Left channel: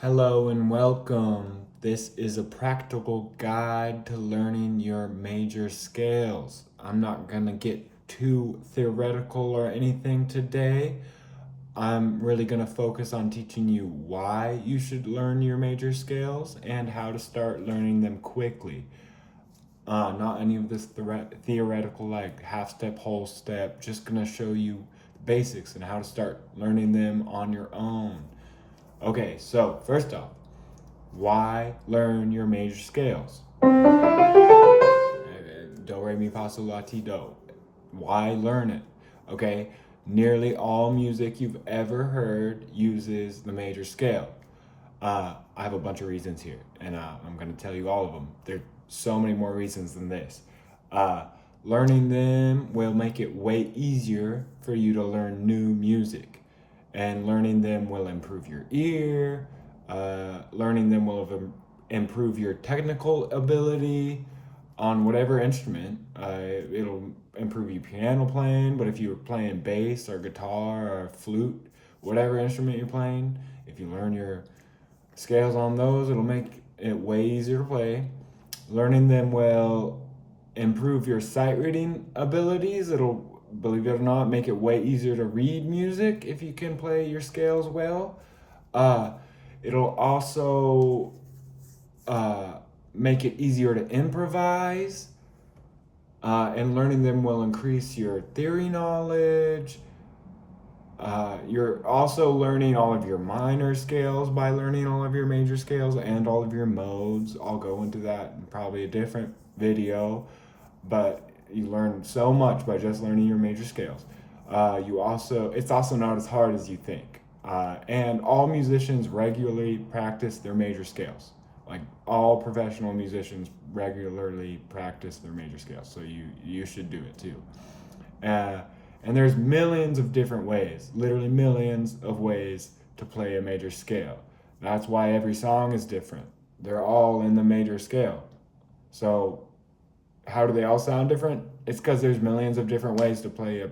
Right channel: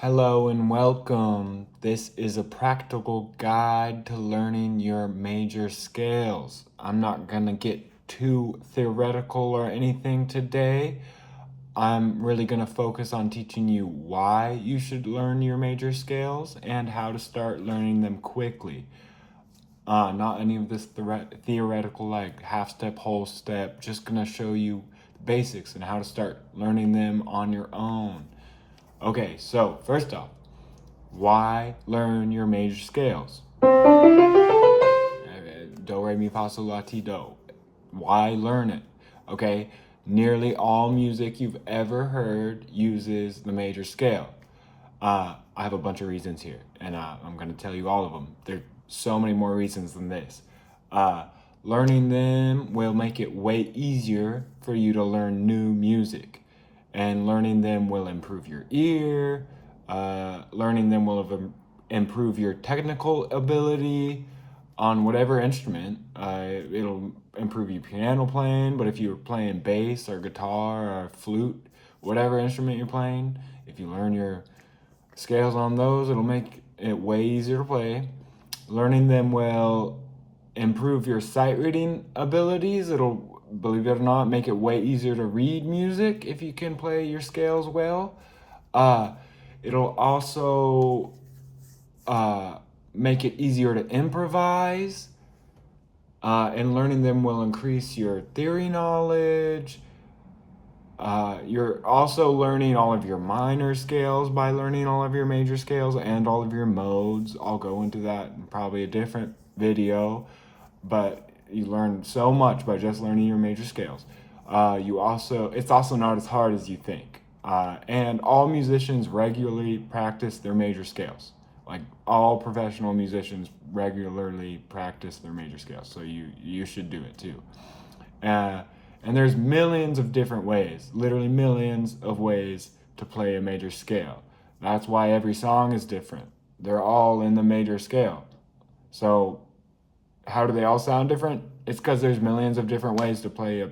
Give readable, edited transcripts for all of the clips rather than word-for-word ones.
Hello and welcome. This is a practical guide to learning your major scales. I'm not going to get too theoretical or anything today. I'm really going to focus on teaching you why you should learn your major scales and how to start learning them quickly. Not any of this theoretical, like half step, whole step. Just going to show you the basics and how to start learning them on your own. Okay, so first off, why learn your major scales? Do, re, mi, fa, sol, la, ti, do. Why learn it? Okay, nearly all music you've ever heard uses the major scale. I have a bunch of reasons here, and I'm going to tell you all of them. There are so many more reasons than this. Learning them will make it way easier for you to learn new music, and learning them will improve your ear. Learning them will improve your technical ability on whatever instrument. It'll improve your piano playing, but if you're playing bass or guitar or flute, whatever instrument you're playing, if you learn your scales on those, it'll make it way easier to play. Learning them will improve your sight reading abilities. It'll, believe it or not, make it way easier to read music if you can play your scales well. It'll also make it easier to improvise. And learning them will increase your theory knowledge. You're also learning all of your minor scales by learning all of your major scales and all of your modes. I'll go into that in probably a different video, but you learn so much by just learning your major scales. It's also not as hard as you think. And all musicians regularly practice their major scales. Like all professional musicians regularly practice their major scales, so you should do it too. And there's millions of different ways, literally millions of ways to play a major scale. That's why every song is different. They're all in the major scale. So how do they all sound different? It's because there's millions of different ways to play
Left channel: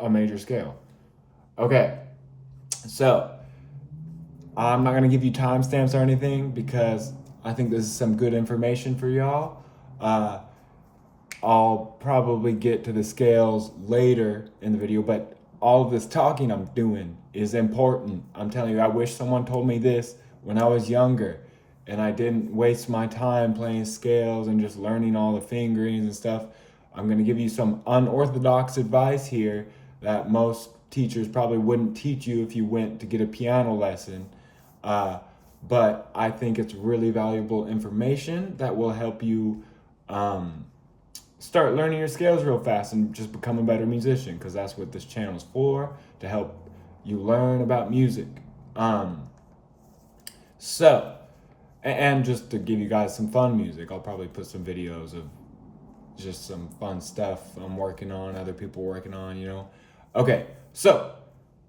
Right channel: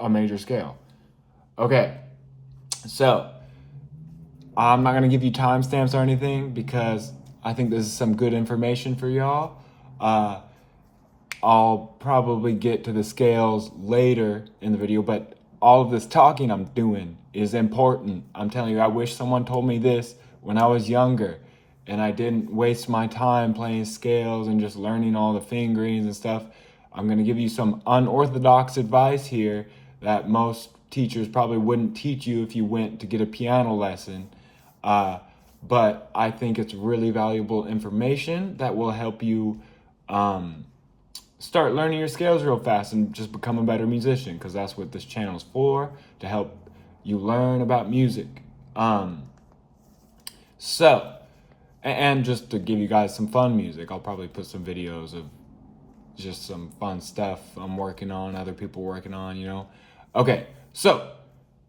a major scale. Okay, so I'm not going to give you timestamps or anything because I think this is some good information for y'all. I'll probably get to the scales later in the video, but all of this talking I'm doing is important. I'm telling you, I wish someone told me this when I was younger and I didn't waste my time playing scales and just learning all the fingerings and stuff. I'm going to give you some unorthodox advice here that most teachers probably wouldn't teach you if you went to get a piano lesson. But I think it's really valuable information that will help you start learning your scales real fast and just become a better musician, because that's what this channel is for, to help you learn about music. And just to give you guys some fun music, I'll probably put some videos of just some fun stuff I'm working on, other people working on, you know. Okay, so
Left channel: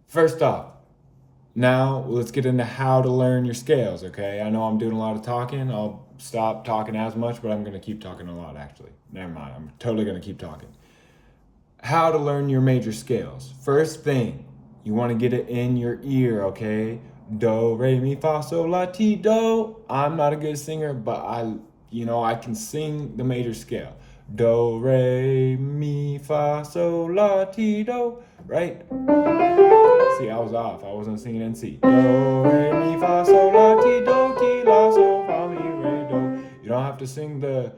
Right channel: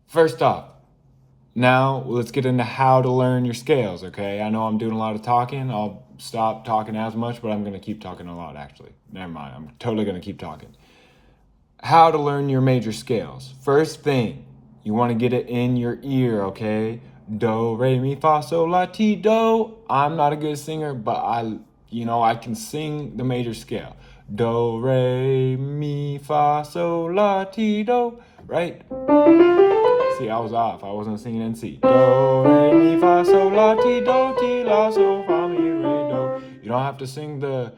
first off, now let's get into how to learn your scales, okay? I know I'm doing a lot of talking. I'll stop talking as much, but I'm going to keep talking a lot, actually. Never mind, I'm totally going to keep talking. How to learn your major scales. First thing, you want to get it in your ear, okay? Do, re, mi, fa, sol, la, ti, do. I'm not a good singer, but I can sing the major scale. Do, re, mi, fa, sol, la, ti, do, right? See, I was off. I wasn't singing in C. Do, re, mi, fa, sol, la, ti, la, sol, fa, mi, re, do. You don't have to sing the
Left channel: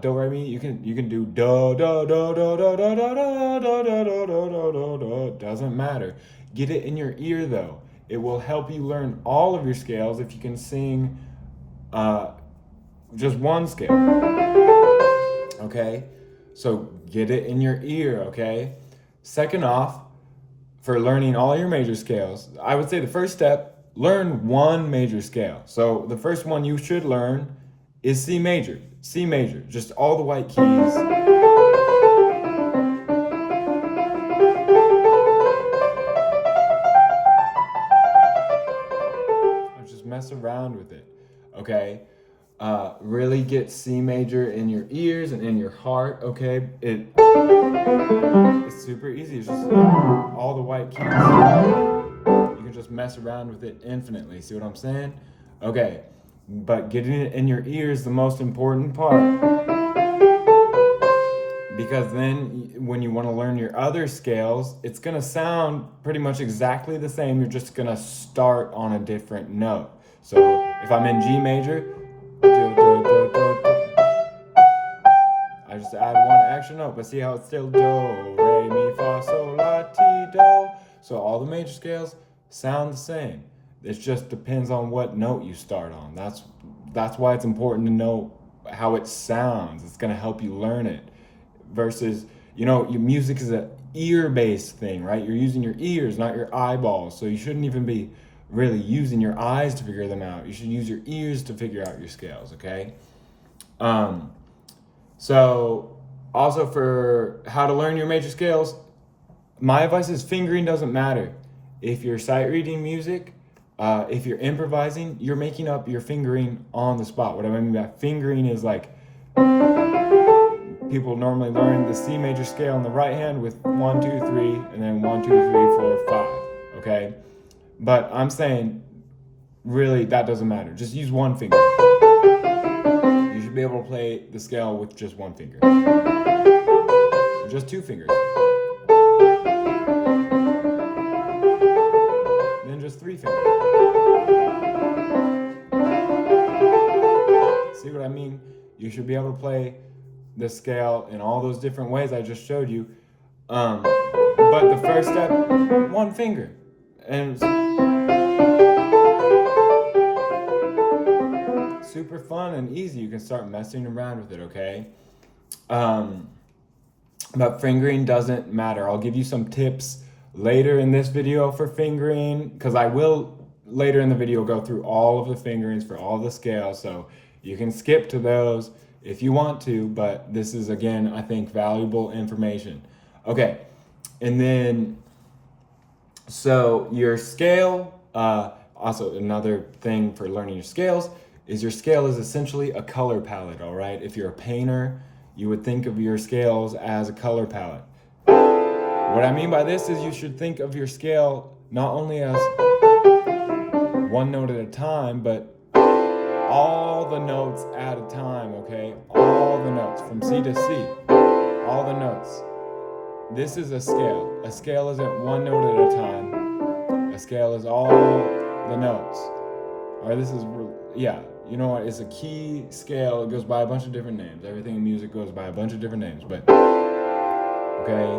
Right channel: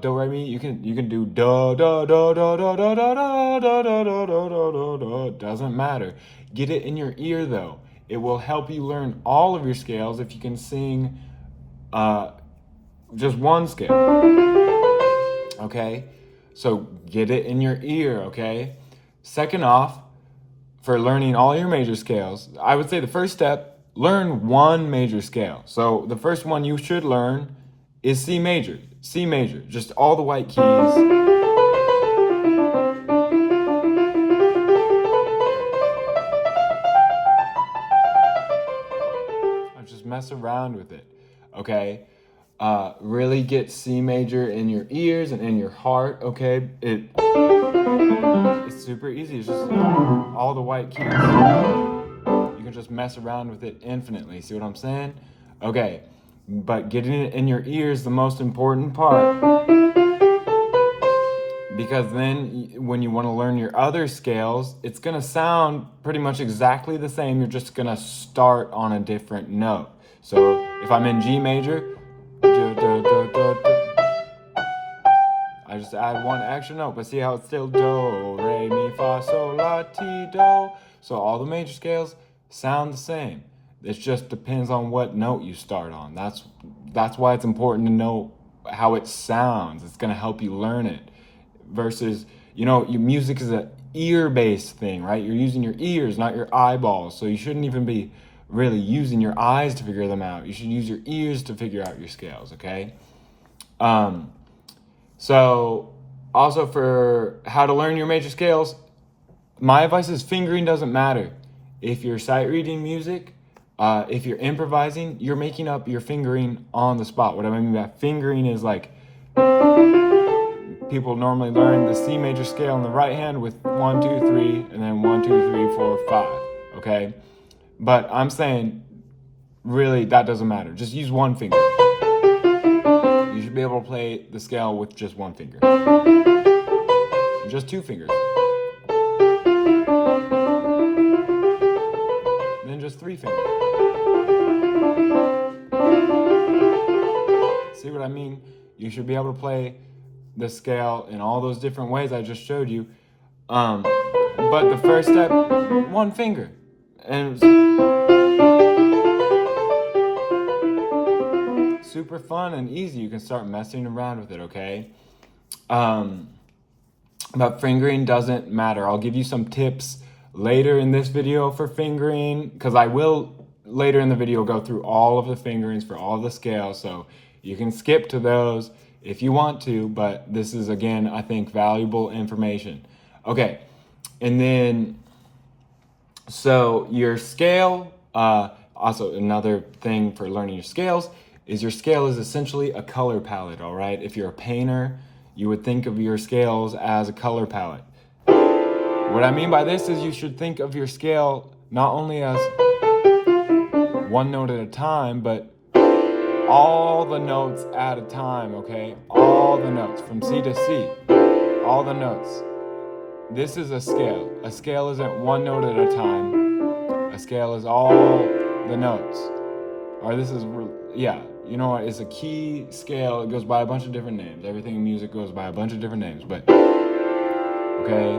do, re, mi. You can do do, do, do, do, do, do, do, do, do, do, do, do, do, do. Doesn't matter. Get it in your ear though. It will help you learn all of your scales if you can sing just one scale. Okay? So get it in your ear, okay? Second off, for learning all your major scales, I would say the first step, learn one major scale. So the first one you should learn is C major. C major, just all the white keys. Just mess around with it, okay? Really get C major in your ears and in your heart, okay? It's super easy. It's just all the white keys. You can could just mess around with it infinitely. See what I'm saying? Okay, but getting it in your ear is the most important part, because then when you want to learn your other scales, it's going to sound pretty much exactly the same. You're just going to start on a different note. So if I'm in G major, I just add one extra note, but see how it's still do, re, mi, fa, sol, la, ti, do. So all the major scales sound the same. It just depends on what note you start on. That's why it's important to know how it sounds. It's gonna help you learn it. Versus, your music is an ear-based thing, right? You're using your ears, not your eyeballs. So you shouldn't even be really using your eyes to figure them out. You should use your ears to figure out your scales, okay? So also for how to learn your major scales, my advice is fingering doesn't matter. If you're sight reading music, if you're improvising, you're making up your fingering on the spot. What I mean by fingering is like, people normally learn the C major scale in the right hand with 1, 2, 3, and then 1, 2, 3, 4, 5, okay? But I'm saying, really, that doesn't matter. Just use one finger. You should be able to play the scale with just one finger. Just 2 fingers. Then just 3 fingers. See what I mean? You should be able to play the scale in all those different ways I just showed you. But the first step, 1 finger. And super fun and easy. You can start messing around with it, okay? But fingering doesn't matter. I'll give you some tips later in this video for fingering, because I will later in the video go through all of the fingerings for all of the scales, so you can skip to those if you want to, but this is, again, I think, valuable information. Okay, and then, so your scale, also another thing for learning your scales is your scale is essentially a color palette, all right? If you're a painter, you would think of your scales as a color palette. What I mean by this is you should think of your scale not only as one note at a time, but all the notes at a time, okay? All the notes, from C to C, all the notes. This is a scale. A scale isn't one note at a time. A scale is all the notes. Or this is, yeah, you know what? It's a key scale. It goes by a bunch of different names. Everything in music goes by a bunch of different names, but, okay?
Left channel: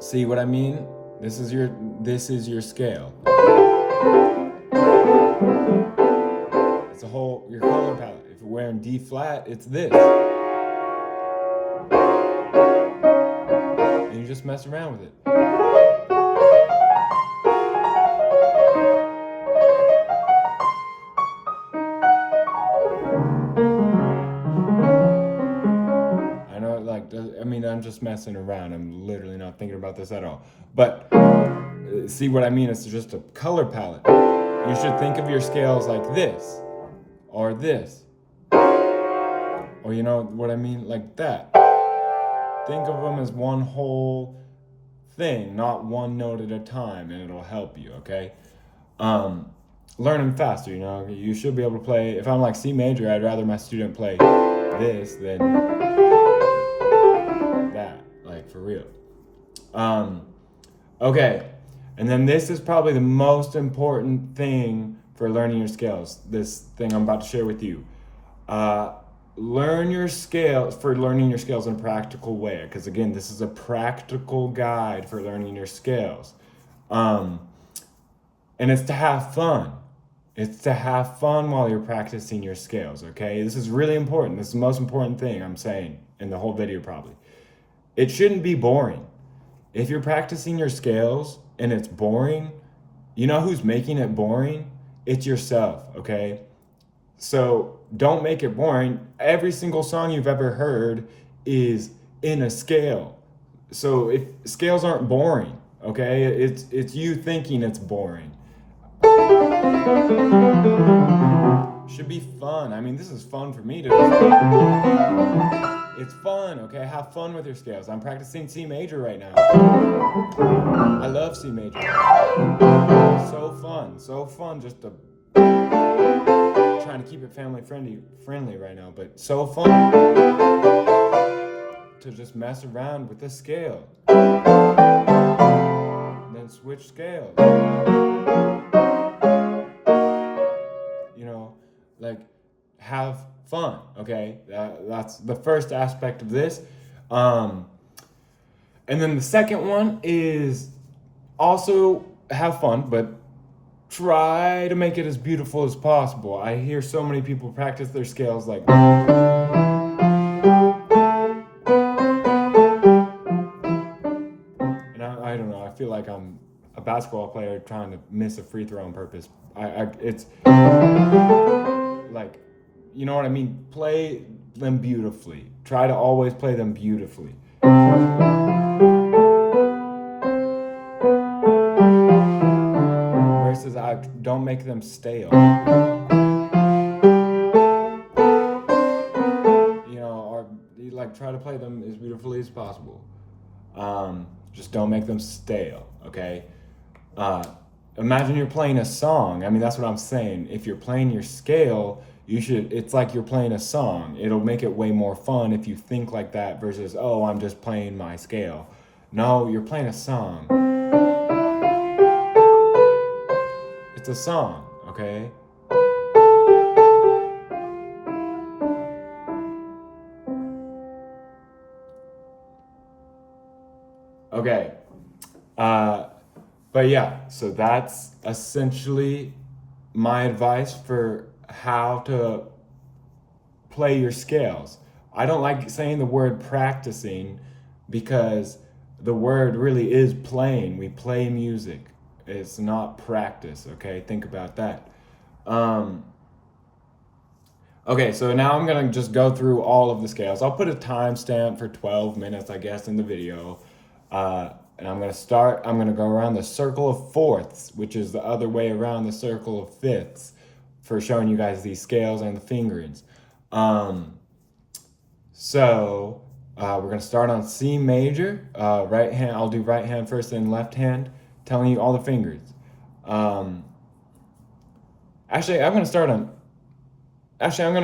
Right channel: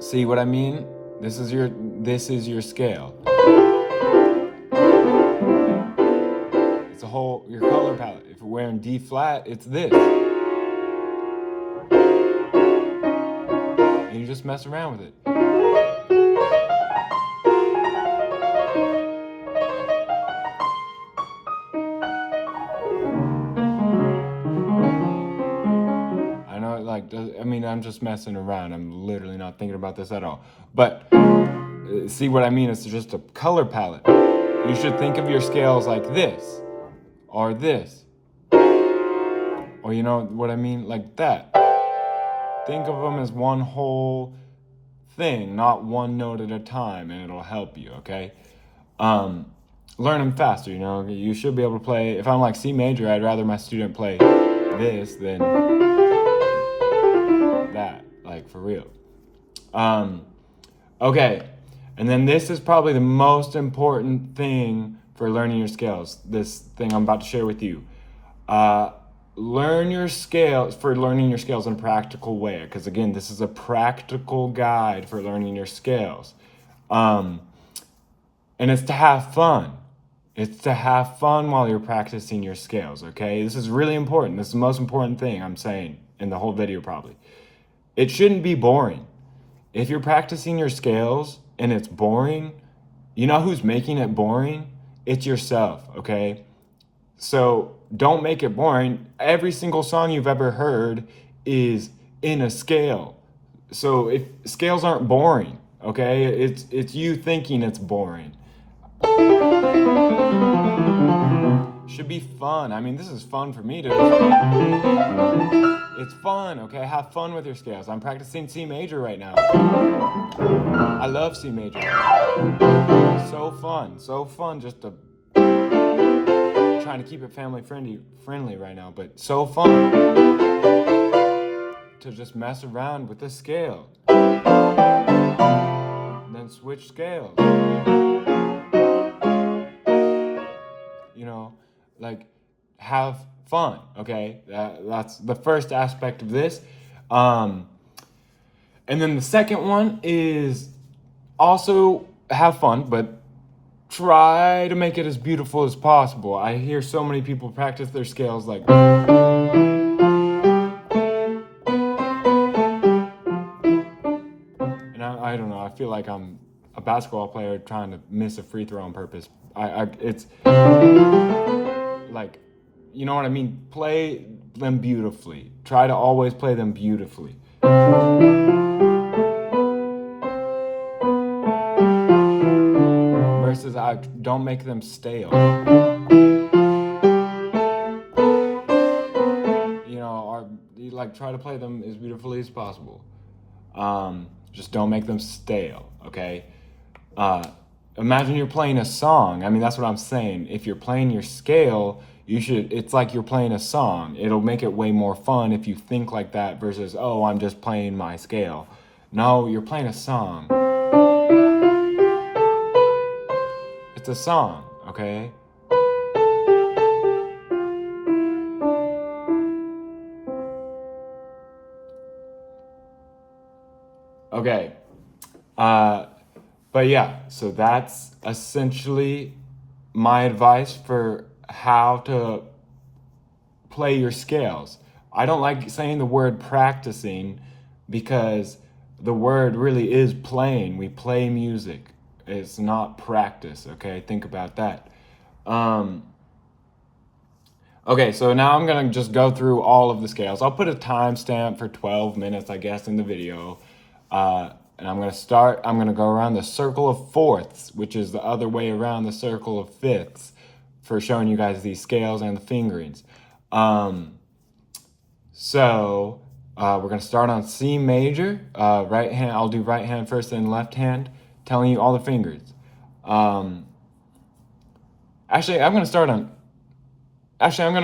See what I mean? This is your scale. It's a whole, your color palette. If you're wearing D flat, it's this. And you just mess around with it. I know, I'm just messing around. I'm literally not thinking about this at all. But see what I mean? It's just a color palette. You should think of your scales like this, or this, or you know what I mean? Like that. Think of them as one whole thing, not one note at a time, and it'll help you, okay? Learn them faster, You should be able to play, if I'm like C major, I'd rather my student play this than that, like for real. Okay, and then this is probably the most important thing for learning your scales, this thing I'm about to share with you. Learn your scales, for learning your scales in a practical way, because again, this is a practical guide for learning your scales. And it's to have fun. It's to have fun while you're practicing your scales, okay? This is really important. This is the most important thing I'm saying in the whole video probably. It shouldn't be boring. If you're practicing your scales and it's boring, you know who's making it boring? It's yourself, okay? So don't make it boring. Every single song you've ever heard is in a scale. So if scales aren't boring, okay? It's you thinking it's boring. Should be fun. I mean, this is fun for me to It's fun, okay? Have fun with your scales. I'm practicing C major right now. I love C major. So fun just to trying to keep it family friendly right now, but so fun to just mess around with the scale. Then switch scales. You know, like have fun, okay? That's the first aspect of this. And then the second one is also have fun, but try to make it as beautiful as possible. I hear so many people practice their scales like, and I don't know, I feel like I'm a basketball player trying to miss a free throw on purpose. It's like, you know what I mean? Play them beautifully. Try to always play them beautifully. Versus I don't make them stale. You know, or like try to play them as beautifully as possible. Just don't make them stale, okay? Imagine you're playing a song. I mean, that's what I'm saying. If you're playing your scale, it's like you're playing a song. It'll make it way more fun if you think like that versus, oh, I'm just playing my scale. No, you're playing a song. It's a song, okay? Okay. But yeah, so that's essentially my advice for how to play your scales. I don't like saying the word practicing because the word really is playing. We play music. It's not practice, okay? Think about that. Okay, so now I'm gonna just go through all of the scales. I'll put a timestamp for 12 minutes, I guess, in the video. And I'm gonna go around the circle of fourths, which is the other way around the circle of fifths, for showing you guys these scales and the fingerings. So we're gonna start on C major, right hand. I'll do right hand first, then left hand, telling you all the fingers. Actually, I'm gonna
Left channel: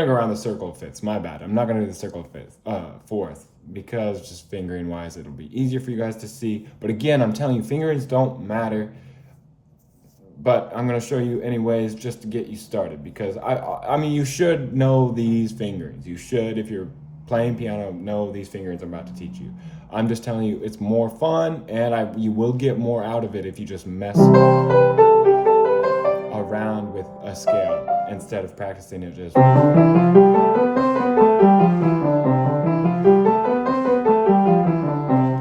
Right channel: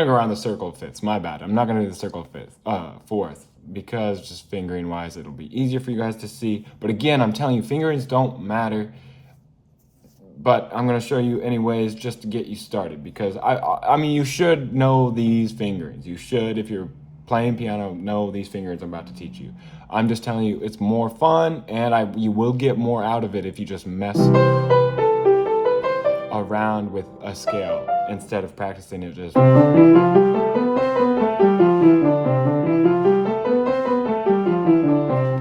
go around the circle of fifths. My bad. I'm not gonna do the circle of fourth because just fingering wise, it'll be easier for you guys to see. But again, I'm telling you, fingerings don't matter. But I'm gonna show you anyways, just to get you started, because I mean, you should know these fingerings. You should, if you're playing piano, know these fingerings I'm about to teach you. I'm just telling you, it's more fun, and you will get more out of it if you just mess around with a scale instead of practicing it just.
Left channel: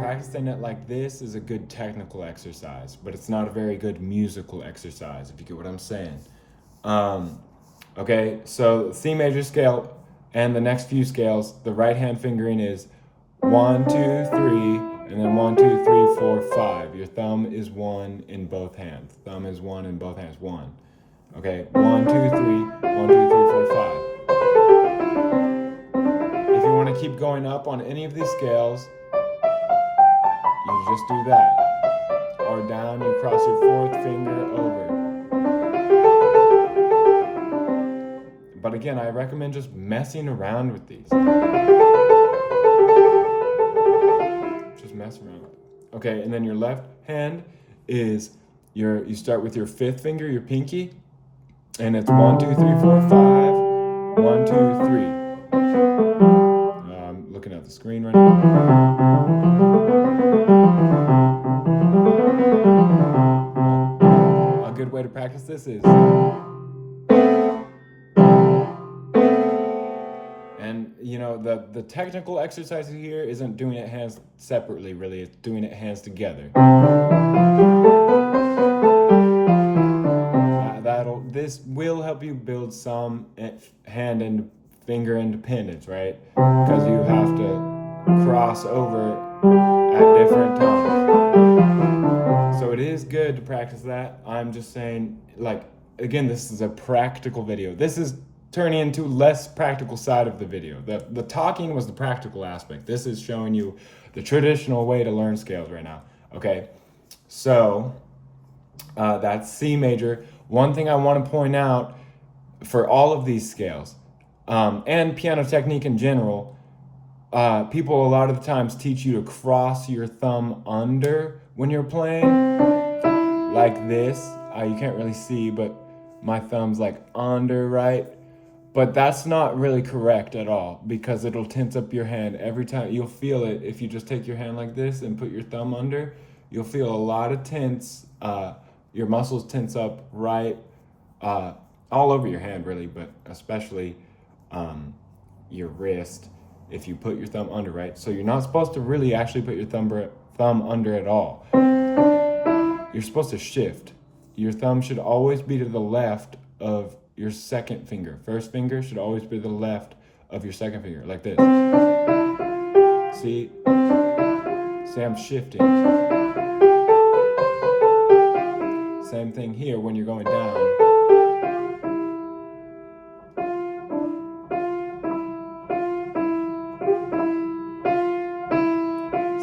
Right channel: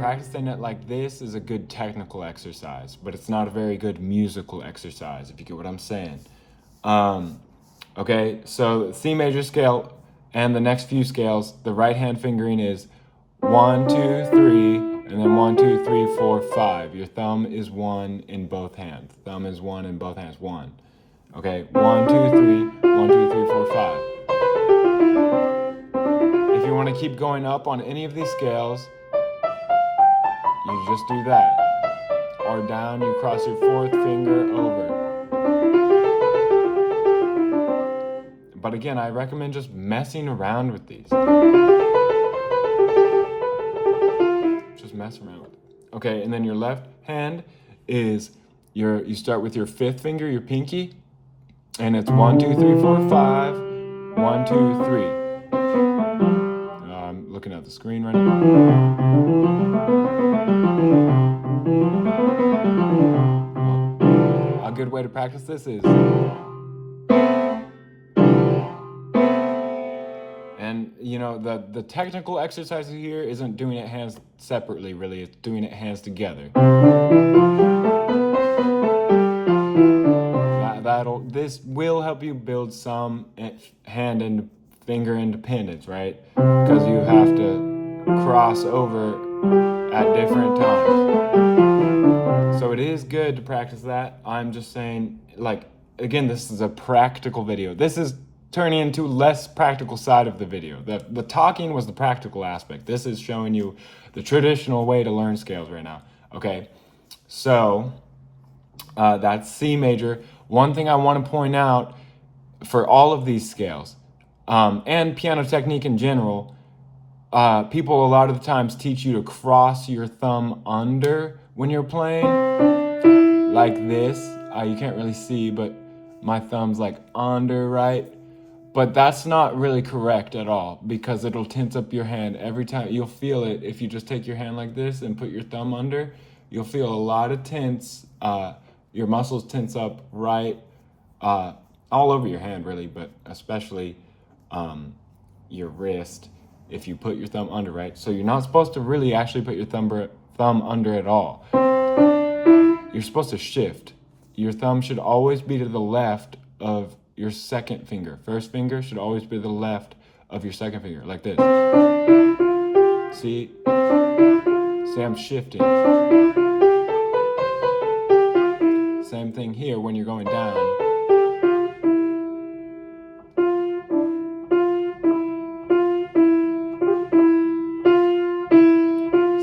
Practicing it like this is a good technical exercise, but it's not a very good musical exercise, if you get what I'm saying. Okay, so C major scale and the next few scales, the right hand fingering is 1, 2, 3, and then 1, 2, 3, 4, 5. Your thumb is 1 in both hands. Thumb is 1 in both hands. 1. Okay, 1, 2, 3, 1, 2, 3, 4, 5. If you want to keep going up on any of these scales, you just do that. Or down, you cross your fourth finger over. But again, I recommend just messing around with these. Just mess around with it. Okay, and then your left hand is you start with your fifth finger, your pinky, and it's 1, 2, 3, 4, 5. 1, 2, 3. I'm looking at the screen right now. A good way to practice this is, and you know, the technical exercise here isn't doing it hands separately, really. It's doing it hands together. This will help you build some hand and finger independence, right? Because you have to cross over at different times. So it is good to practice that. I'm just saying, like, again, this is a practical video. This is turning into less practical side of the video. The talking was the practical aspect. This is showing you the traditional way to learn scales right now. Okay, so that's C major. One thing I want to point out for all of these scales and piano technique in general, people a lot of the times teach you to cross your thumb under when you're playing, like this. You can't really see, but my thumb's like under, right? But that's not really correct at all, because it'll tense up your hand every time. You'll feel it if you just take your hand like this and put your thumb under. You'll feel a lot of tense. Your muscles tense up right all over your hand, really, but especially your wrist if you put your thumb under, right? So you're not supposed to really actually put your thumb under at all. You're supposed to shift. Your thumb should always be to the left of your second finger. First finger should always be to the left of your second finger, like this. See? See, I'm shifting. Same thing here when you're going down.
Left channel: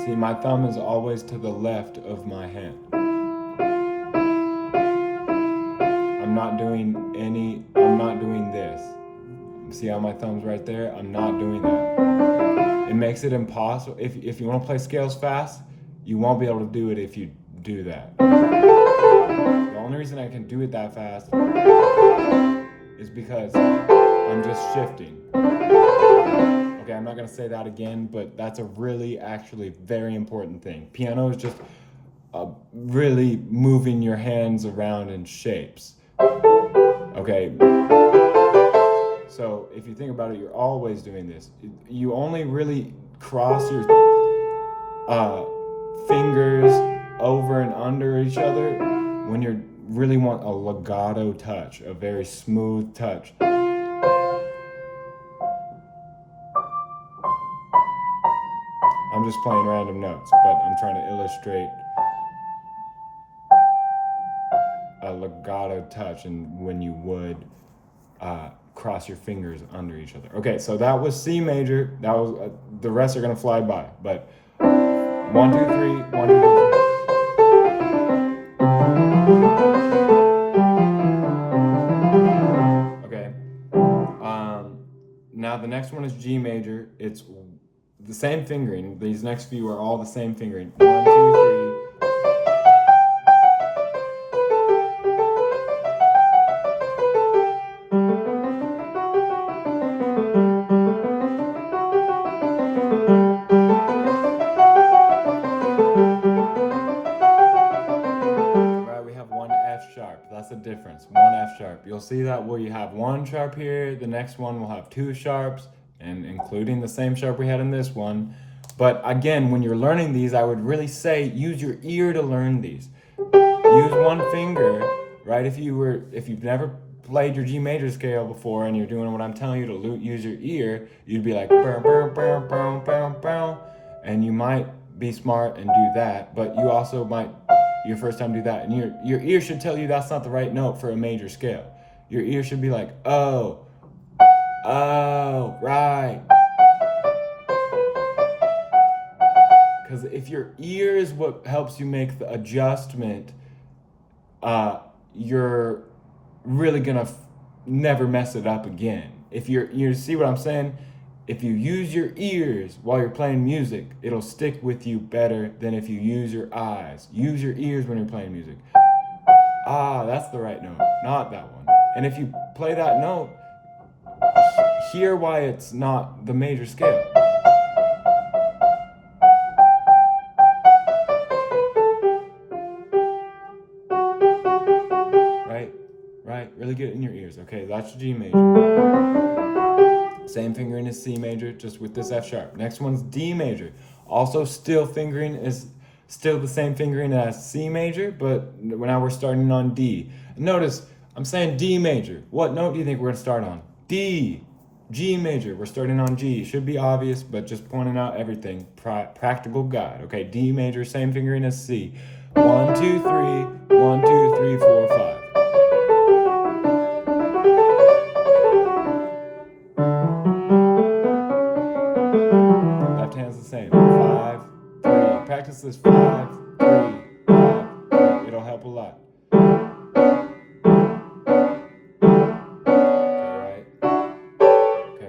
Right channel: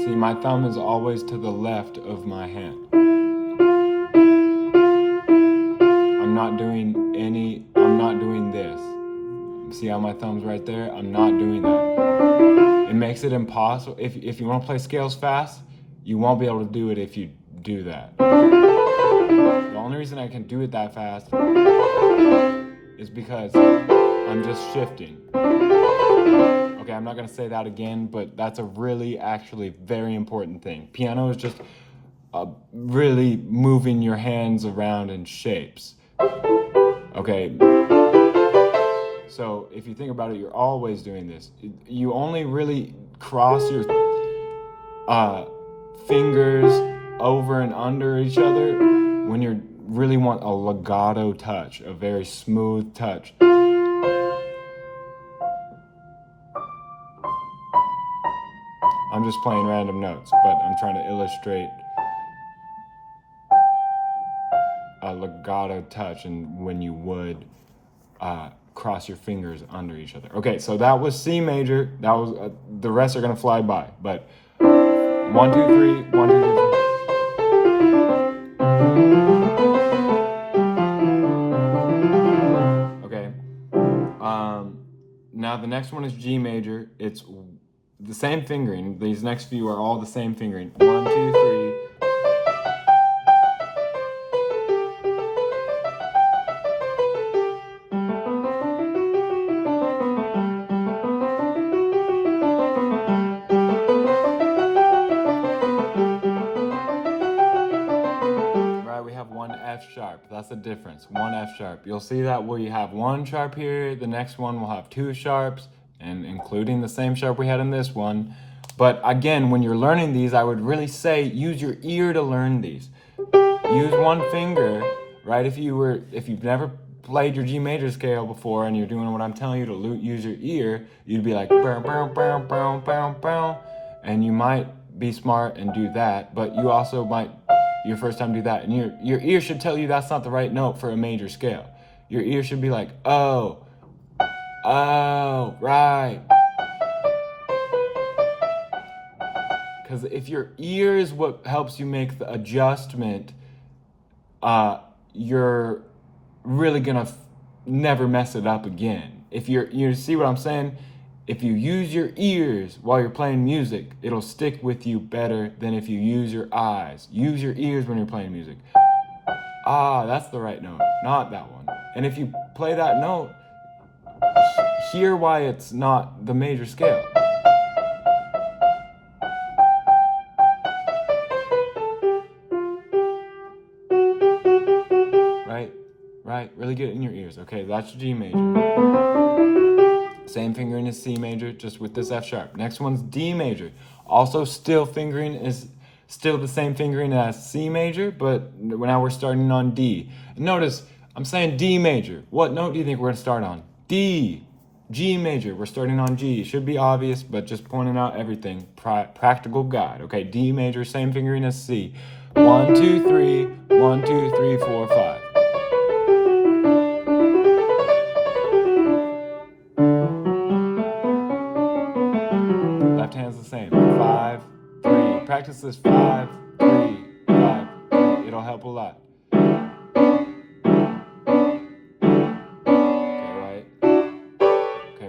See, my thumb is always to the left of my hand. I'm not doing this. See how my thumb's right there? I'm not doing that. It makes it impossible. If you want to play scales fast, you won't be able to do it if you do that. The only reason I can do it that fast is because I'm just shifting. Okay, I'm not gonna say that again, but that's a really, actually very important thing. Piano is just really moving your hands around in shapes. Okay, so if you think about it, you're always doing this. You only really cross your fingers over and under each other when you really want a legato touch, a very smooth touch. I'm just playing random notes, but I'm trying to illustrate a legato touch and when you would cross your fingers under each other. Okay, so that was C major. That was the rest are gonna fly by, but 1, 2, 3, 1, 2, 3, 4. Okay. Now the next one is G major. It's the same fingering. These next few are all the same fingering. 1, 2, 3. That's the difference. 1 F sharp. You'll see that where you have 1 sharp here, the next one will have 2 sharps, and including the same sharp we had in this one. But again, when you're learning these, I would really say use your ear to learn these. Use one finger, right? If you've never played your G major scale before and you're doing what I'm telling you to use your ear, you'd be like, bow, bow, bow, bow, bow, bow, and you might be smart and do that, but you also might your first time do that, and your ear should tell you that's not the right note for a major scale. Your ear should be like, oh, right. Because if your ear is what helps you make the adjustment, you're really gonna never mess it up again. If you see what I'm saying? If you use your ears while you're playing music, it'll stick with you better than if you use your eyes. Use your ears when you're playing music. That's the right note, not that one. And if you play that note, hear why it's not the major scale. Right, really get it in your ears. Okay, that's G major. Same fingering as C major, just with this F sharp. Next one's D major. Also still fingering is still the same fingering as C major, but now we're starting on D. Notice, I'm saying D major. What note do you think we're gonna start on? D. G major, we're starting on G. Should be obvious, but just pointing out everything. Practical guide. Okay, D major, same fingering as C. 1, 2, 3, 1, 2, 3, 4, 5. practice this 5, 3, 5, 3. It'll help a lot.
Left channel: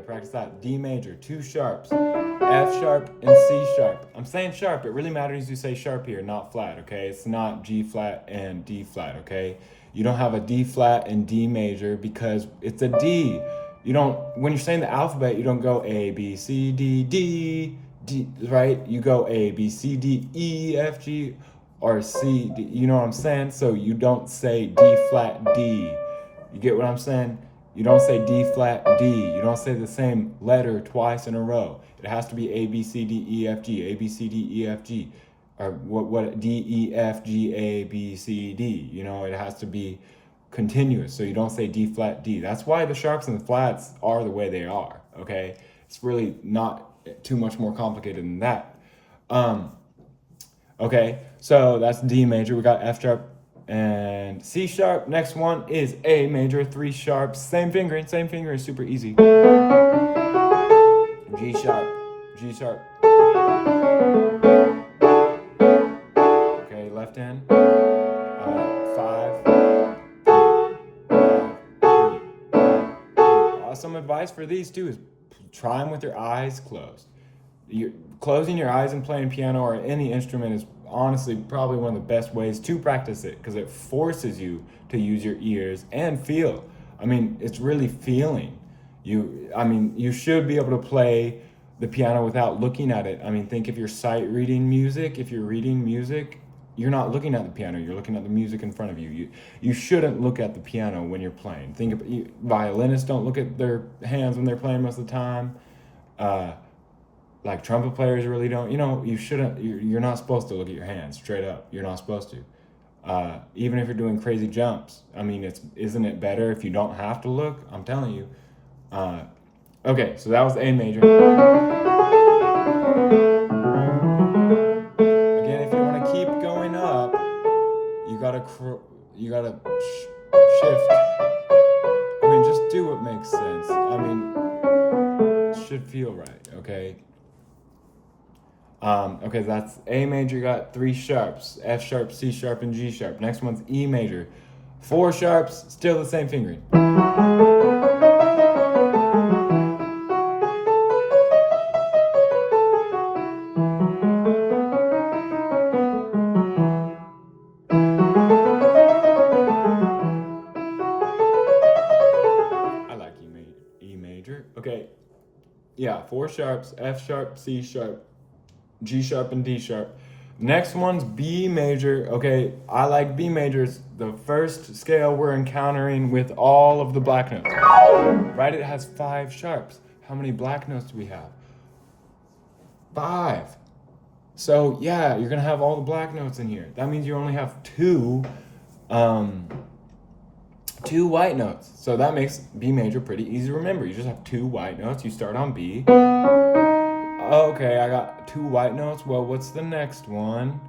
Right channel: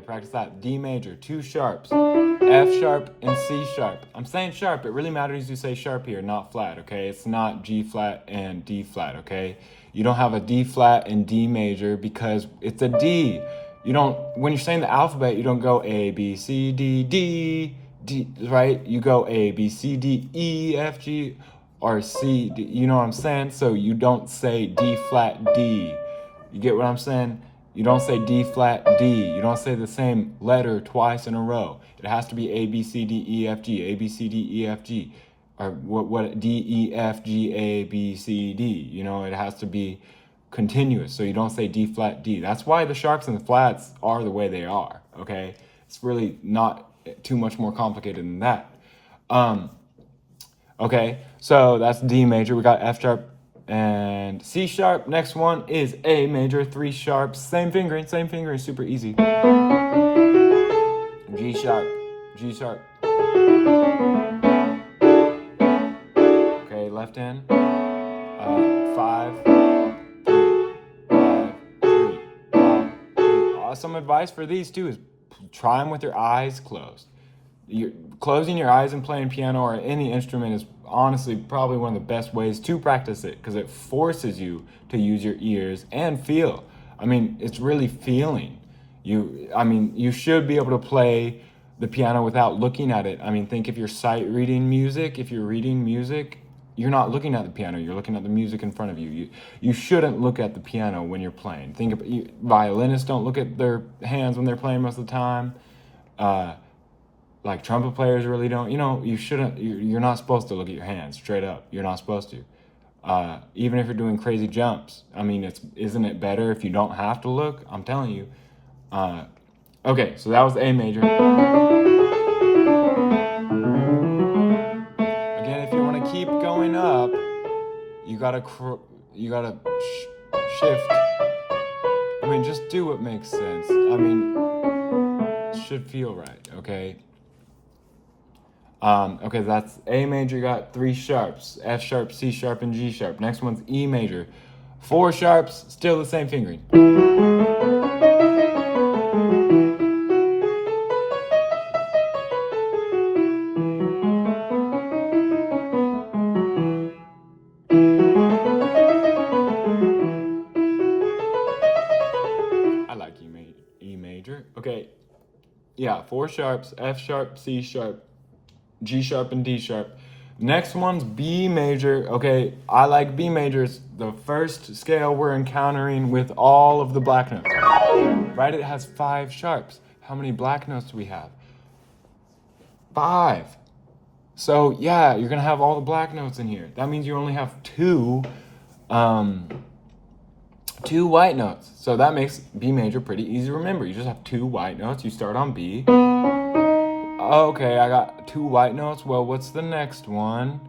Practice that. D major, 2 sharps, F sharp and C sharp. I'm saying sharp. It really matters you say sharp here, not flat, okay? It's not G flat and D flat, okay? You don't have a D flat and D major because it's a D. You don't, when you're saying the alphabet, you don't go A, B, C, D, D, D, right? You go A, B, C, D, E, F, G, or C, D, you know what I'm saying? So you don't say D flat, D. You get what I'm saying? You don't say D flat, D. You don't say the same letter twice in a row. It has to be A, B, C, D, E, F, G, A, B, C, D, E, F, G. Or what D, E, F, G, A, B, C, D. You know, it has to be continuous. So you don't say D flat, D. That's why the sharps and the flats are the way they are, okay? It's really not too much more complicated than that. Okay, so that's D major. We got F sharp and C sharp. Next one is A major, 3 sharps. Same fingering, super easy. G sharp, G sharp. Okay, left hand. 5, 3, 3. Some advice for these too is try them with your eyes closed. Closing your eyes and playing piano or any instrument is honestly probably one of the best ways to practice it because it forces you to use your ears and feel. I mean, it's really feeling. You should be able to play the piano without looking at it. I mean, think if you're sight reading music, if you're reading music, you're not looking at the piano, you're looking at the music in front of you. You shouldn't look at the piano when you're playing. Think about violinists don't look at their hands when they're playing most of the time. Like trumpet players really don't, you shouldn't, you're not supposed to look at your hands straight up. You're not supposed to. Even if you're doing crazy jumps. I mean, isn't it better if you don't have to look? I'm telling you. Okay, so that was A major. Again, if you want to keep going up, you gotta shift. I mean, just do what makes sense. I mean, it should feel right, okay? Okay, that's A major. You got 3 sharps, F sharp, C sharp, and G sharp. Next one's E major. 4 sharps, still the same fingering. I like E major. Okay, yeah, 4 sharps, F sharp, C sharp, G sharp, and D sharp. Next one's B major. Okay, I like B major. It's the first scale we're encountering with all of the black notes. Right? It has 5 sharps. How many black notes do we have? 5. So yeah, you're gonna have all the black notes in here. That means you only have 2 white notes. So that makes B major pretty easy to remember. You just have 2 white notes. You start on B. Okay, I got 2 white notes. Well, what's the next one?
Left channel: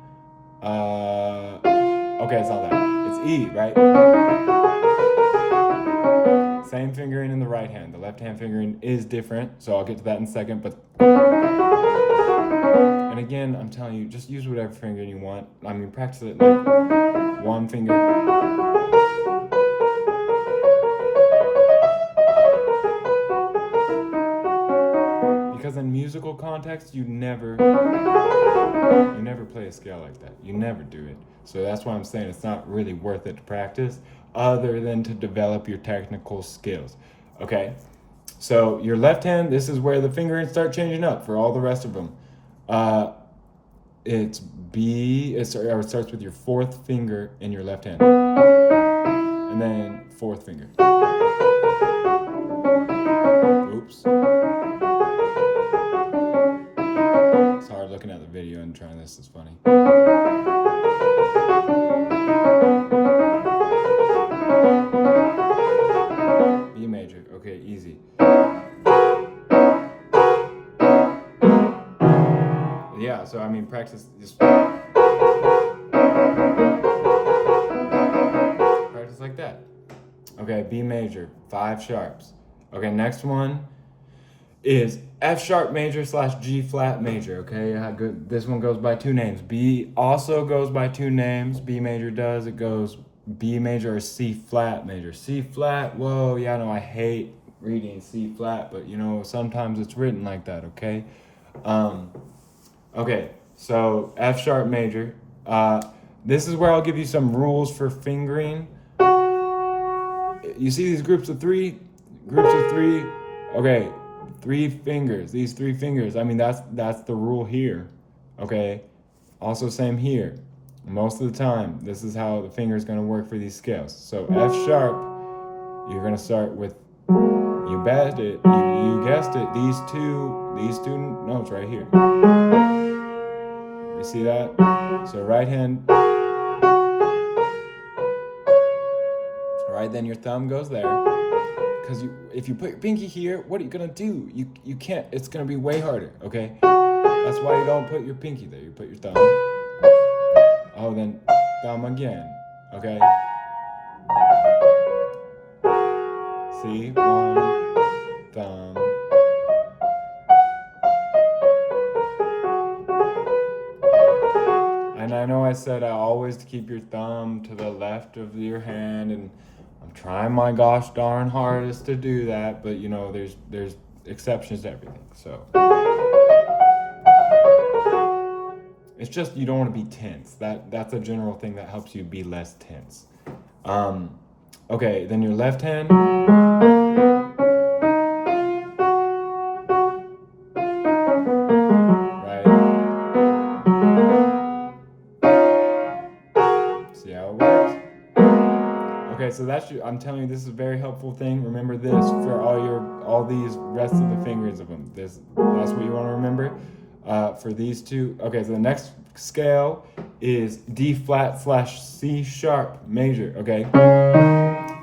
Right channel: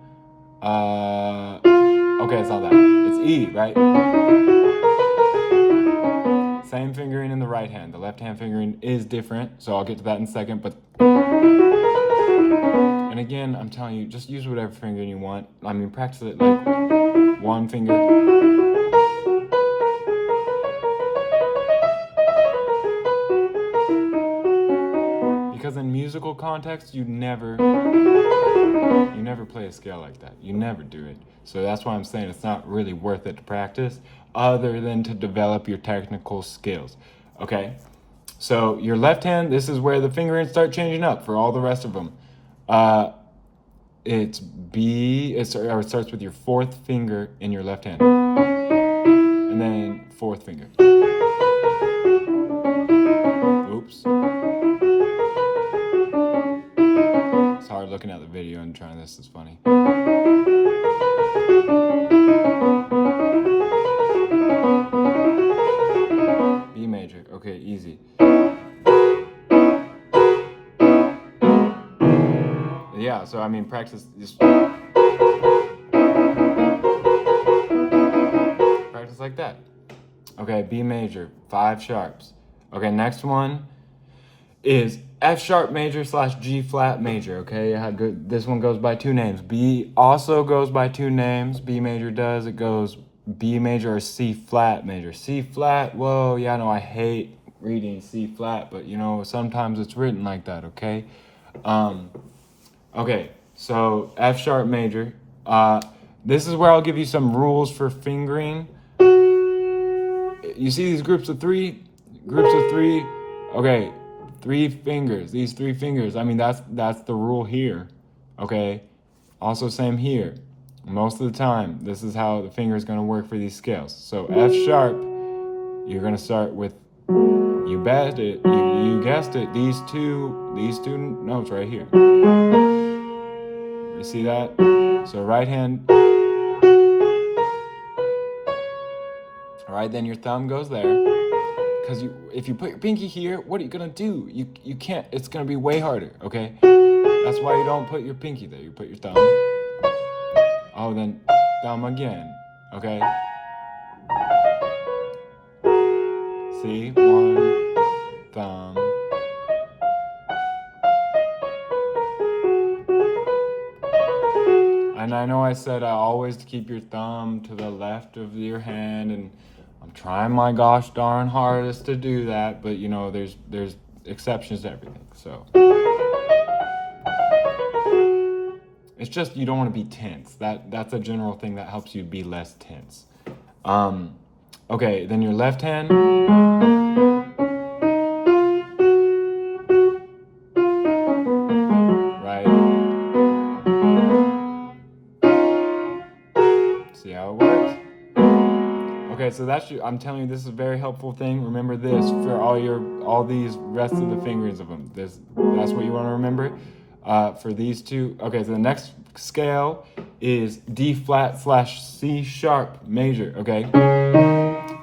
Okay, it's not that. It's E, right? Same fingering in the right hand. The left hand fingering is different, so I'll get to that in a second, but... And again, I'm telling you, just use whatever fingering you want. I mean, practice it like 1 finger. Because in musical context, you never play a scale like that. You never do it. So that's why I'm saying it's not really worth it to practice other than to develop your technical skills. Okay? So your left hand, this is where the fingerings start changing up for all the rest of them. It's B, it starts with your 4th finger in your left hand. And then 4th finger. Oops. It's hard looking at the video and trying this is funny. B major, okay, easy. Yeah, so I mean, practice like that. Okay, B major, 5 sharps. Okay, next one is F sharp major slash G flat major. Okay, this one goes by two names. B also goes by two names. B major does. It goes B major or C flat major. C flat. Whoa, yeah, no, I hate reading C flat, but you know sometimes it's written like that. Okay. Okay, so F sharp major. This is where I'll give you some rules for fingering. You see these groups of three? Groups of three. Okay, three fingers. These three fingers. I mean, that's the rule here. Okay. Also, same here. Most of the time, this is how the finger is going to work for these scales. So F sharp, you're going to start with. You bet it. You guessed it. These two notes right here. You see that? So right hand. All right, then your thumb goes there. Because if you put your pinky here, what are you gonna do? You can't. It's gonna be way harder. Okay. That's why you don't put your pinky there. You put your thumb. Oh, then thumb again. Okay. See, one thumb. And I know I said I always keep your thumb to the left of your hand, and I'm trying my gosh darn hardest to do that, but you know, there's exceptions to everything. So it's just you don't want to be tense. That's a general thing that helps you be less tense. Okay, then your left hand. Right. See how it works? Okay, so I'm telling you, this is a very helpful thing. Remember this for all these rest of the fingers of them. That's what you want to remember for these two. Okay, so the next scale is D flat slash C sharp major. Okay,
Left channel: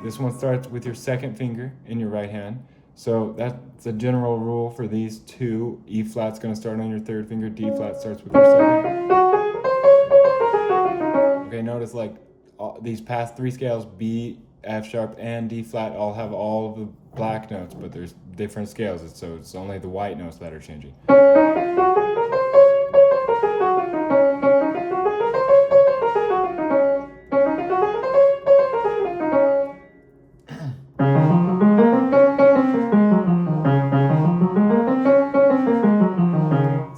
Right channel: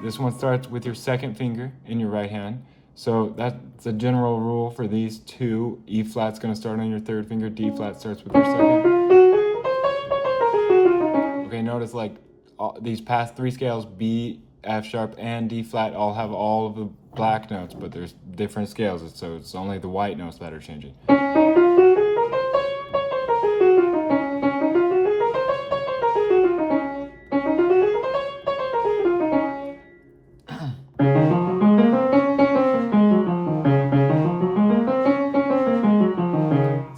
this one starts with your second finger in your right hand. So that's a general rule for these two. E flat's going to start on your third finger. D flat starts with your second. Okay, notice like these past three scales, B, F sharp, and D flat, all have all of the black notes, but there's different scales, so it's only the white notes that are changing.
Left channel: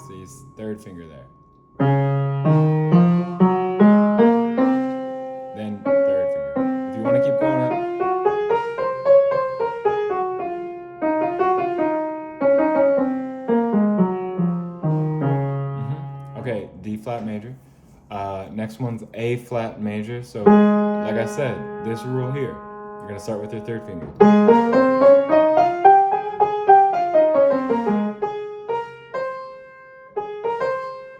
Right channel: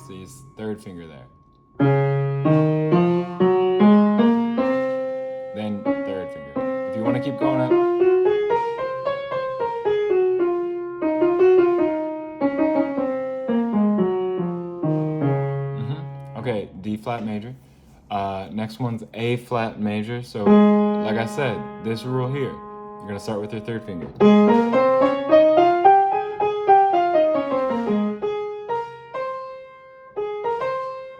See, third finger there. Then third finger. If you want to keep going up. Okay, D flat major. Next one's A flat major. So, like I said, this rule here, you're gonna start with your third finger.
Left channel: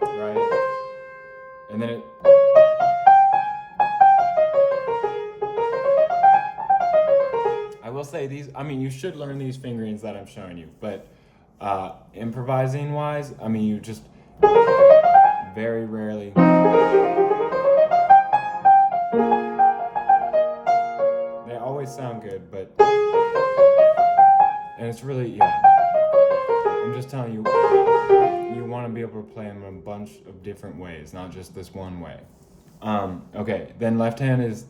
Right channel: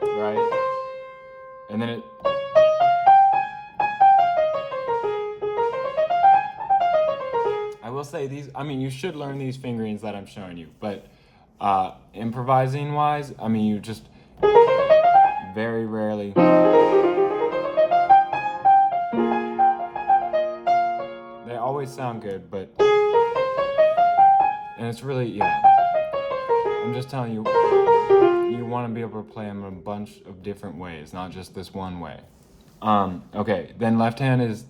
Right? And then I will say these, I mean, you should learn these fingerings that I'm showing you, but improvising wise, I mean, you just very rarely. They always sound good, but, and it's really, yeah. I'm just telling you, you want to be able to play them in a bunch of different ways, not just this one way. Okay, then left hand is.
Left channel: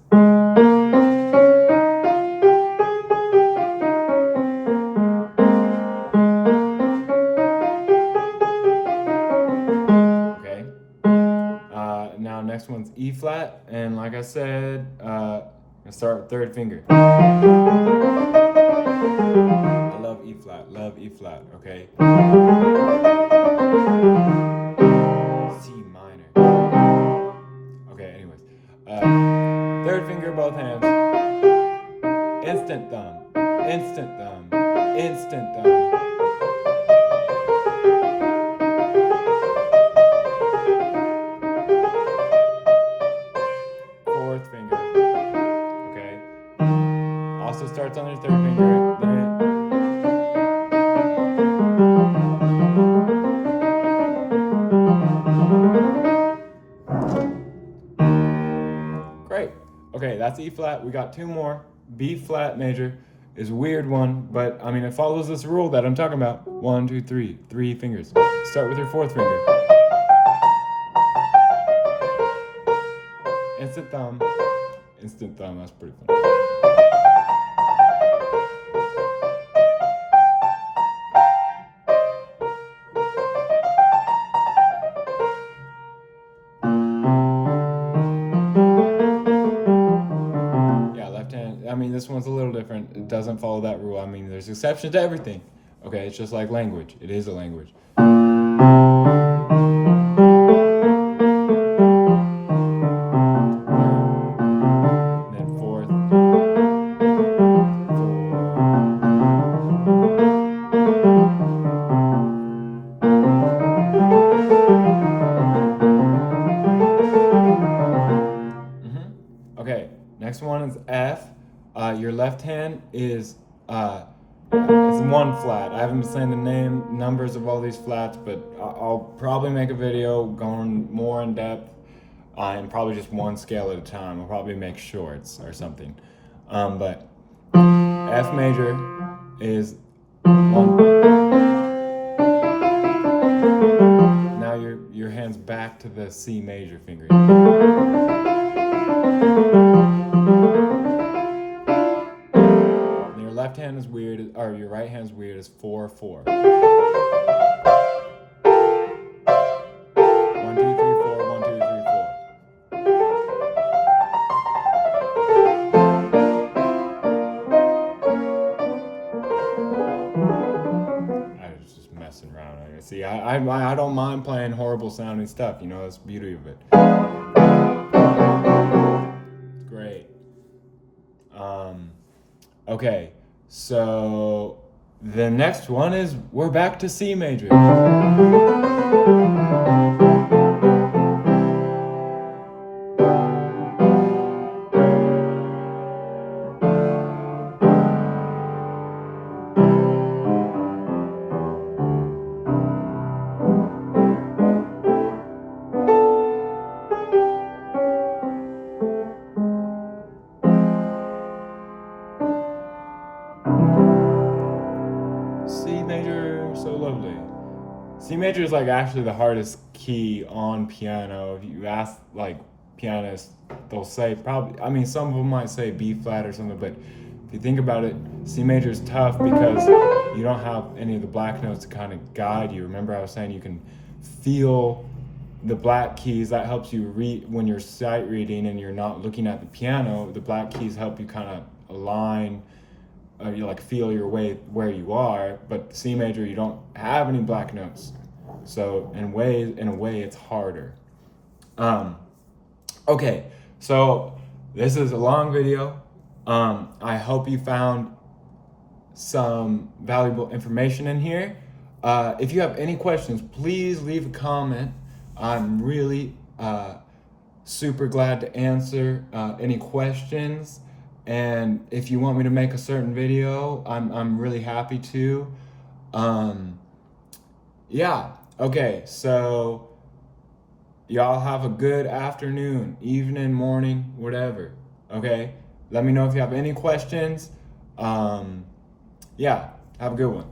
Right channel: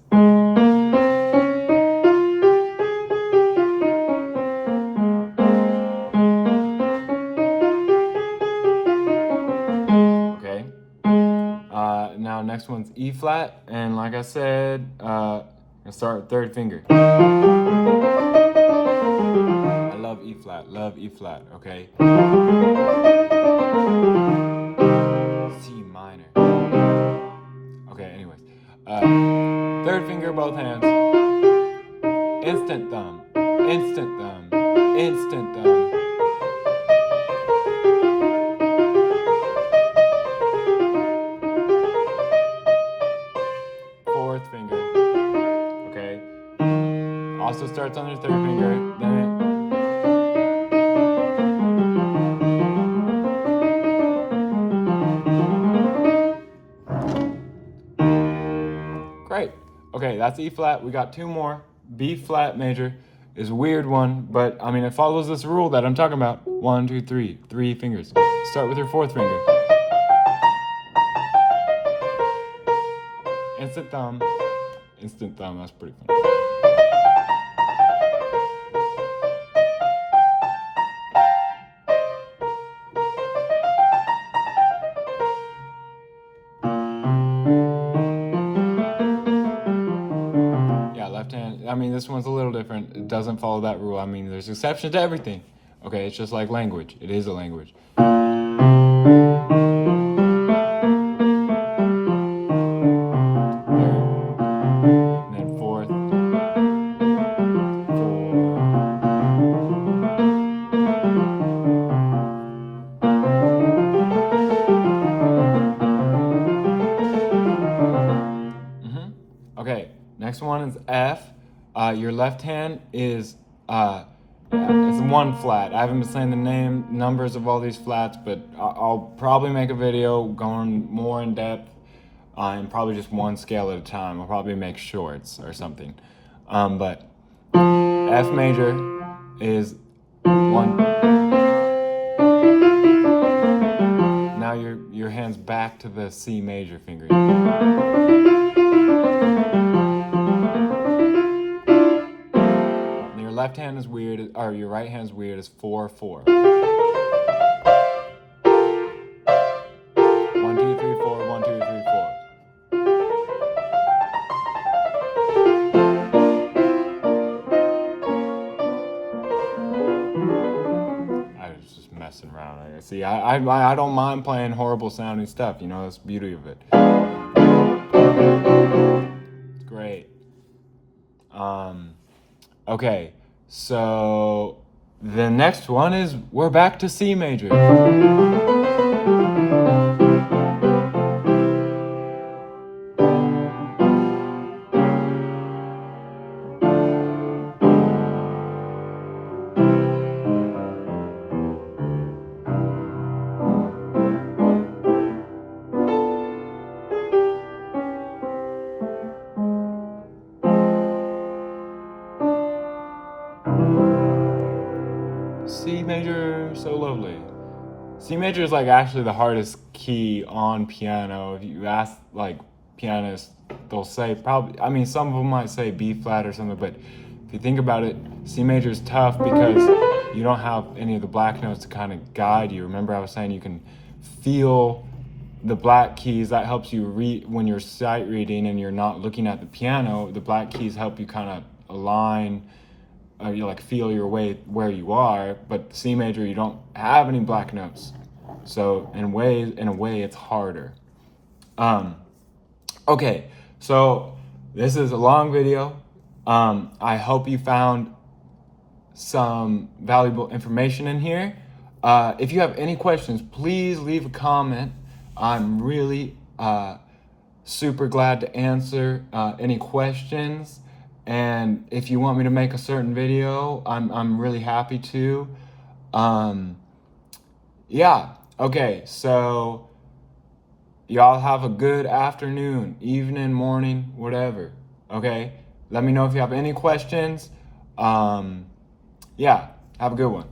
Okay. Now next one's E flat, and like I said, I'm gonna start with third finger. I love E flat, okay? C minor. Okay, anyways. Third finger, both hands. Instant thumb, instant thumb, instant thumb. Fourth finger, okay? Also starts on your third finger. Great. Okay, that's E flat. We got two more. B flat major is a weird one, but I mean, it follows this rule that I'm talking about. 1, 2, 3, 3 fingers. Start with your fourth finger. Instant thumb. Instant thumb, that's pretty funny. Yeah, left hand. I mean, this one's a little different. It doesn't follow that rule. I mean, there's exceptions to everything. Okay, it's just like language. It is a language. And then fourth. Okay, next one is F. Your left hand is it's one flat. I haven't been saying the numbers of all these flats, but I'll probably make a video going more in depth and probably just one scale at a time. I'll probably make shorts or something. But F major is one. Now your hand's back to the C major finger. And your left hand is weird, or your right hand's weird, is 4, 4. 1, 2, 3, 4, 1, 2, 3, 4. I was just messing around. See, I don't mind playing horrible sounding stuff, you know, that's the beauty of it. It's great. Okay, so the next one is we're back to C major. C major, so lovely. C major is like actually the hardest key on piano. If you ask like pianists, they'll say probably, I mean, some of them might say B flat or something, but if you think about it, C major is tough because you don't have any of the black notes to kind of guide you. Remember I was saying you can feel the black keys. That helps you read when you're sight reading and you're not looking at the piano. The black keys help you kind of align, you like feel your way where you are. But C major, you don't have any black notes, so in a way it's harder. Okay, so this is a long video. I hope you found some valuable information in here. If you have any questions, please leave a comment. I'm really super glad to answer any questions. And if you want me to make a certain video, I'm really happy to. Yeah, okay, so y'all have a good afternoon, evening, morning, whatever, okay? Let me know if you have any questions. Yeah, have a good one.